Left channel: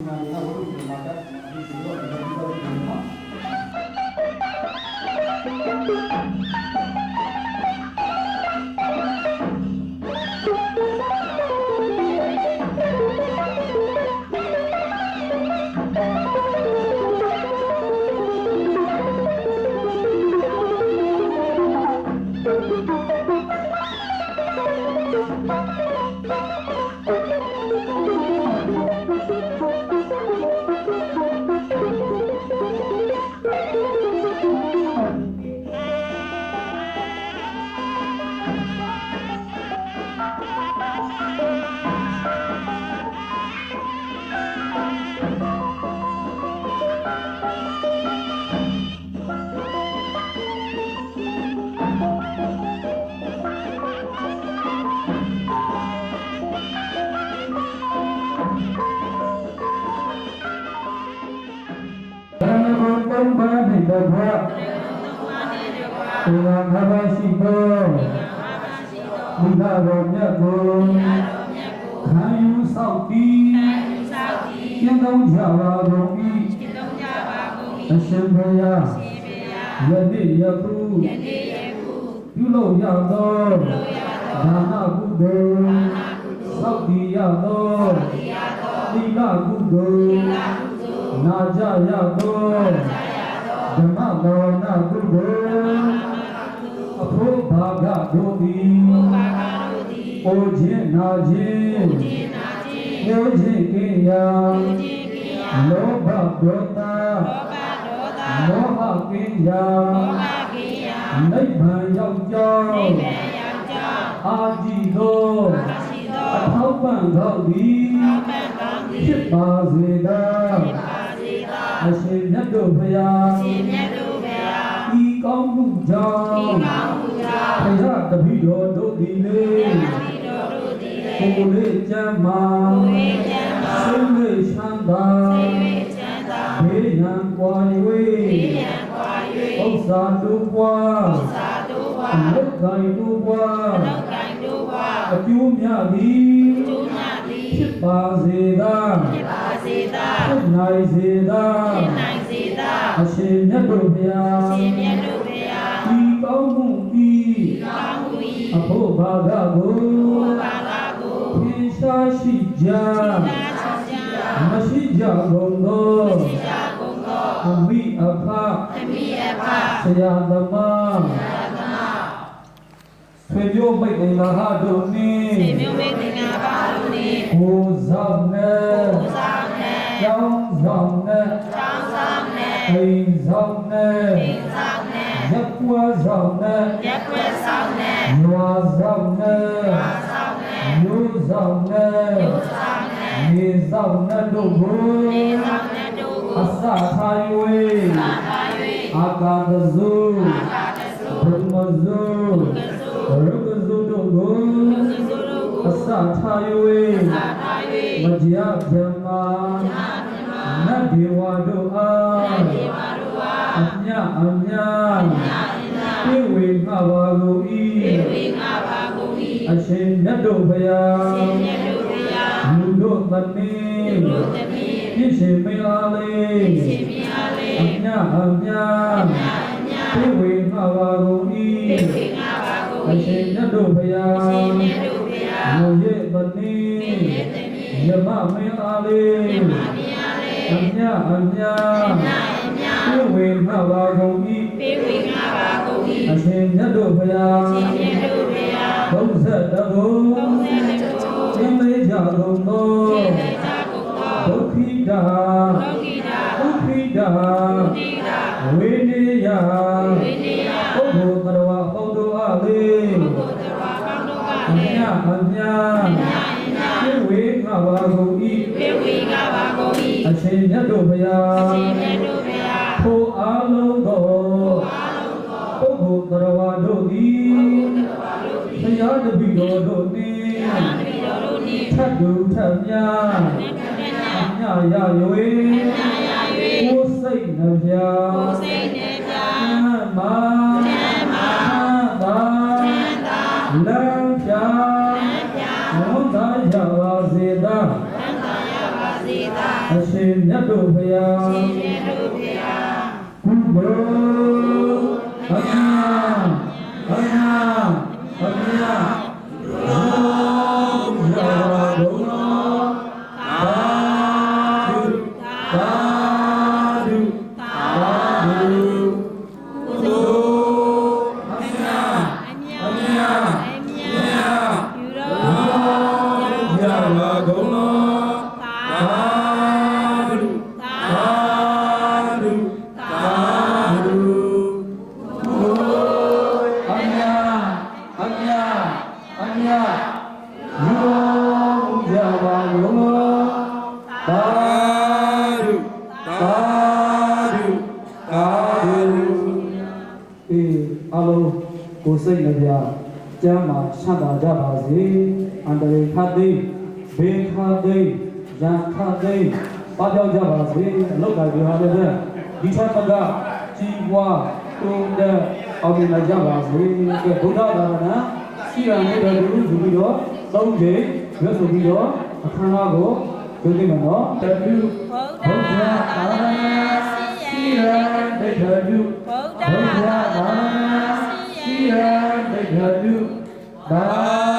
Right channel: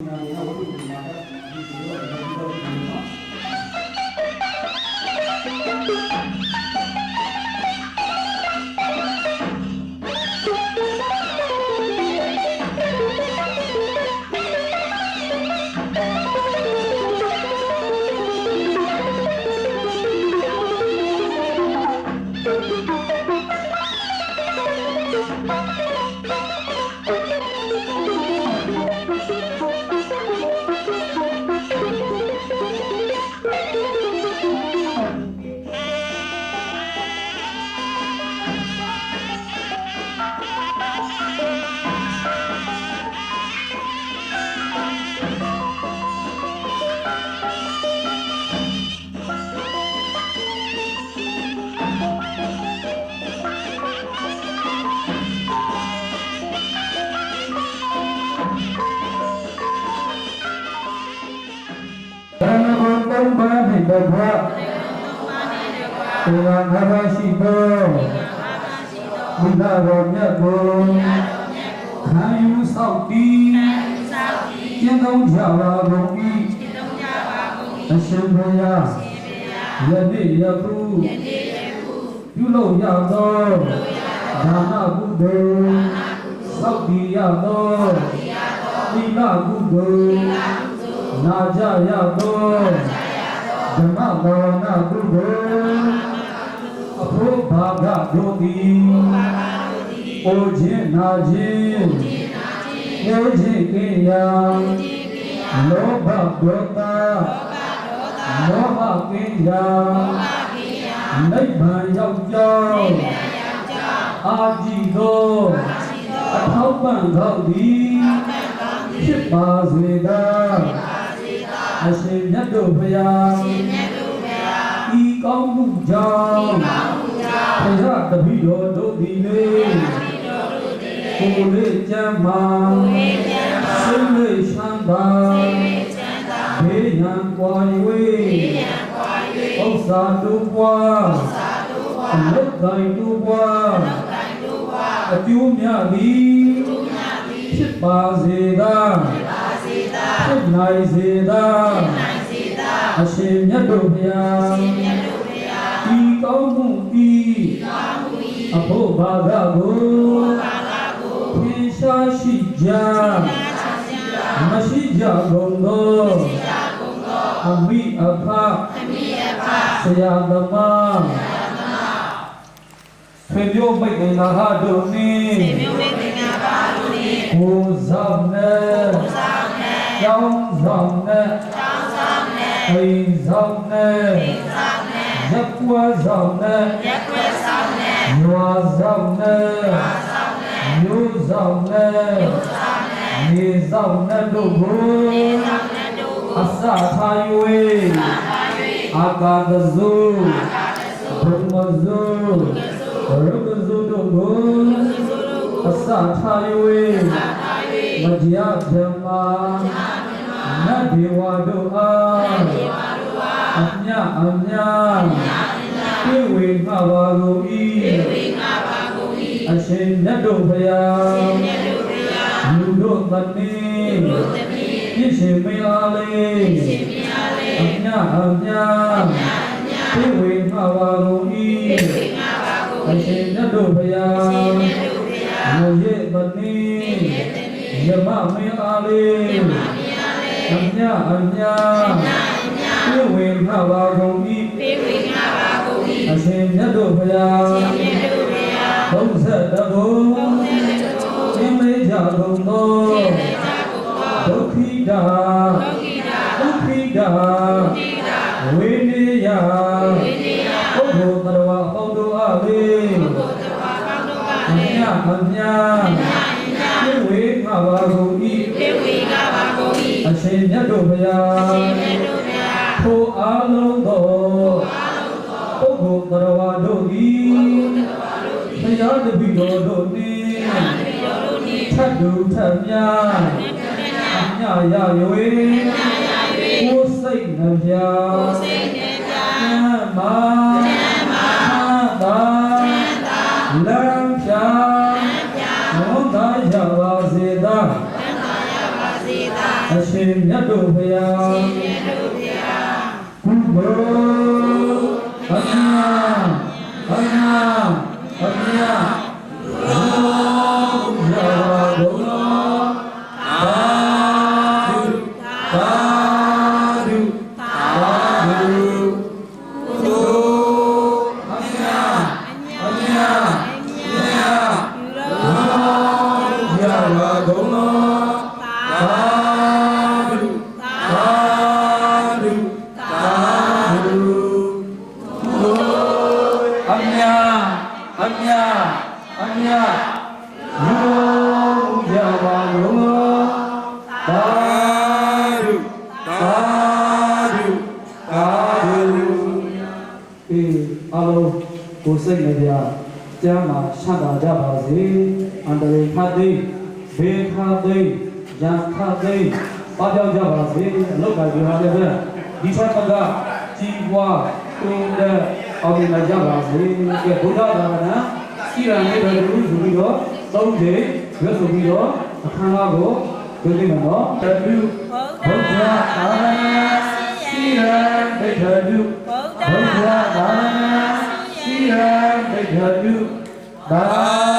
ဘ နှင့်တကွာသင်္ဃာငါးပါးရှိသောမိဘတော်မြတ်ကိုခံယူဆောက်တည်ကျင့်သုံးကြပါကုန်၏အရှင်ဘုရားယနေ့ယခုပြုလုပ်ရသောဒါနကုသိုလ်ဆောက်တည်ရသောသီလကုသိုလ်နာကြရသော ဓမ္မဘာဝနာကုသိုလ်အဖို့ဘာဂတို့သည်အိုခြင်းနာခြင်းကိုခြင်းကိယာလောဘဒေါသမောဟကိယာနိဗ္ဗာန်ရောက်ကြောင်းအာကြည်သောအထောက်ပံ့သောသည်ဖြစ်ပါစေသာ အရှင်မြတ်တို့ဘုရားဤကောင်းမှုကြောင့်ဘုရားတပည့်တော်တို့သည်လေကိုယ်လေးကြမ်းမာစိတ်လေးချမ်းသာဘေးရန်ကွာ၍ဥစ္စာတို့ပွားအလုတ်တိုင်းတို့ပွားအကျိုးများသည်ဖြစ်ပါစေသာဖြစ် နိုင်စေသာအရှင်မြတ်တို့ဘုရားဤကောင်းမှုဤအဖို့ဘာသာကိုဖြေရှားရှိကြမရှိကြကုန်သောအမိအဖဆရာသမားဆွေမျိုးမိတ်ငင်္ဂါတို့နှင့်ကို ယ်ဆောင်နဲ့ကျောင်းဆောင်နဲ့အိမ်ဆောင်နဲ့ရက်ကွာဆောင်နဲ့ရွာဆောင်နဲ့မျိုးဆောင်နဲ့နေဆောင်နဲ့တို့ကိုအစထား၍အာကာသဇုဘုံမဇုရုပ်ဇုတို့ကိုအစထား၍ မကြာဗြဟ္မာနတ်ဒေဝတို့အားအမြအမြပြေဝေငှပါကုန်၏အရှင်မြတ်တို့ဘုရားလူတို့တည်းပြည့်ရှင်မယားလေး မယားလေးအမြအမြပြေဝေငှပါကုန်၏အရှင်မြတ်တို့ဘုရားဘုဇ္ဇတဘုသင်မေကြကုန်သောဒုက္ခိတာဒုက္ခိတာဝေ တူထတ်များအမြရ၍ကိုယ်စိတ်နှပြမ်းမာသာလမ်းပြဝန်သာရပါစေသာအရှင်မြတ်တို့ဘုရားရှင်မြတ်တို့ဘုရားကုသိုလ်အမြတ်အမြတ်အမြ ကုန်တော်သာဓုသာဓုသာဓုအေးအလုံးကိုယ်စိတ်နှပြကျမ်းမှာရှမ်းသာကြပါစေအန္တရာယ်ခတ်သိမ်းဘေခတ်သိမ်းရန်ခတ်သိမ်းပါပြောက်ကြပါစေအလုတ်ကဒီဟာလည်းပဲဒီဘက်ကကြီးပွားတုံးတဲ့အောင်မြင်ကြပါစေကဲဘုရားသာသနာ စီရံလေးပဲလူယူပြီးတော့သုံးချိန်ရွတ်ဆိုပြီးတော့အခမ်းအနားကိုပြုလုပ်မယ်နော်တတုဗုဒ္ဓဘုရားသာသနာစီရံဒိဋ္ဌတုဗုဒ္ဓဘုရားသာသနာစီရံဒိဋ္ဌတုသာ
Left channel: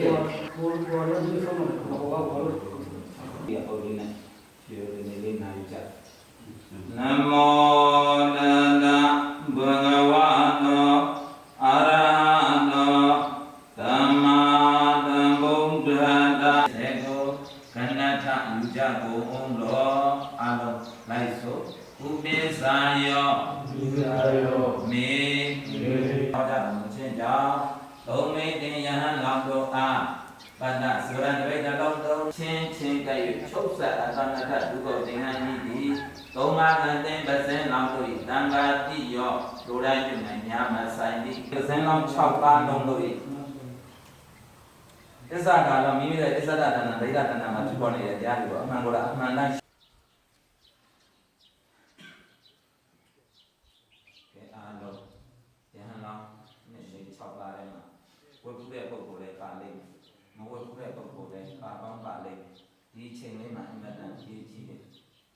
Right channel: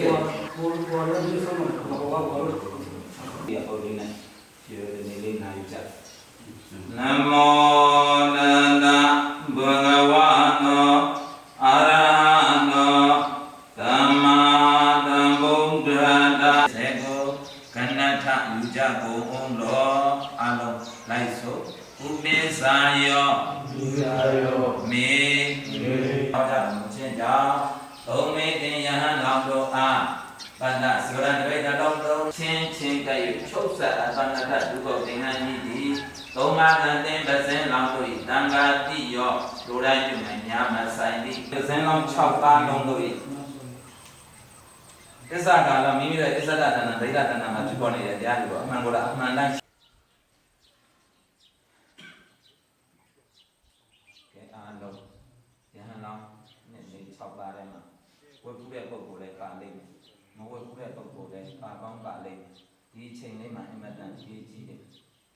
ဒီ ပဏ္ဏစဝရတဝိတတော်တော်ချင်းချင်းကဲ့ချုပ်ဆက်အသနာတဒုက္ခသင်္ဟန်ဤသည်သုံးပါးကံတင်ပဇင်းလောင်တို့၏တန်ခါတိယောလူတိုင်းပြုနိုင်များမဆိုင်သည်ပဇင်းလောင်6ပါးလုံးတို့၏သစ္စာကာလမိမိရဲ့သစ္စာတဏ္ဍဒိဋ္ဌတဏ္ဍမှာဖြစ်ပေါ်နေတဲ့တရားတွေပေါ့အမှန်ကိုယ်အမှန်တိုင်းကဲအားလုံးယဟန်လောင်နဲ့နေ6ပါးထဲမှာဝတ်ဘူးတဲ့ပုဂ္ဂိုလ်လည်းပါလိမ့်မယ်မဝတ်ဘူးတဲ့ပုဂ္ဂိုလ်လည်းပါကောင်းပါလိမ့်မယ် ဒီအချိန်လေးမှာအင်မတန်ကြီးကြီးတယ်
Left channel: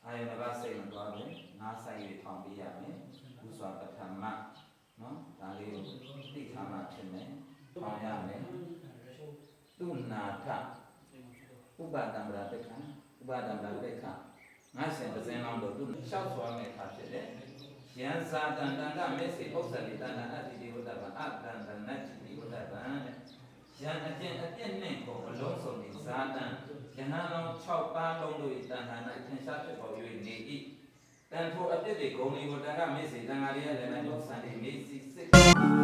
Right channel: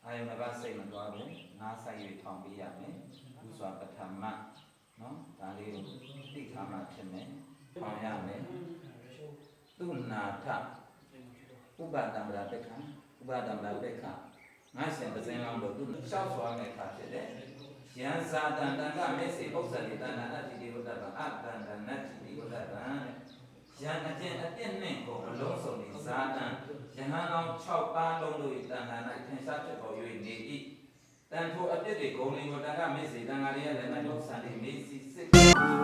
အာယုန်ကစိတ်မသွားဘူးနားဆိုင်၍ထောင်ပေးရမယ်ဥစွာပထမနော်ဒါလေးကိုသိခါမှဖြစ်မယ်ထောင်ရမယ်သူနာထဥပဒံဗရာပက္ခဥပဒံဗရာပက္ခငါရှင်ပဇင်းလောင်းတို့သူလျှောက်သွားမယ်အခါဖြစ်တယ်ယံသာတံတံကမေစေဥစ္စာတိတဏအတ္တိတိဝတ္တဗံအတံတနတ္တိတိဝတ္တဗံတဲ့ ယံအကျင့်အပြည့်နှင့်ကိုအလုံးစုံနေဇာတံယဟန်တော်6ပါးလုံးတို့၏တဏ္ဍာ၌ထင်ရှားဖြစ်ပေါ်၍နေ၏တန်ထိုအပြည့်တွေဂုံတွေကိုတံကမေစေတံဃာရဲ့လည်း၌ဥစ္စာတိမေစီစိတ်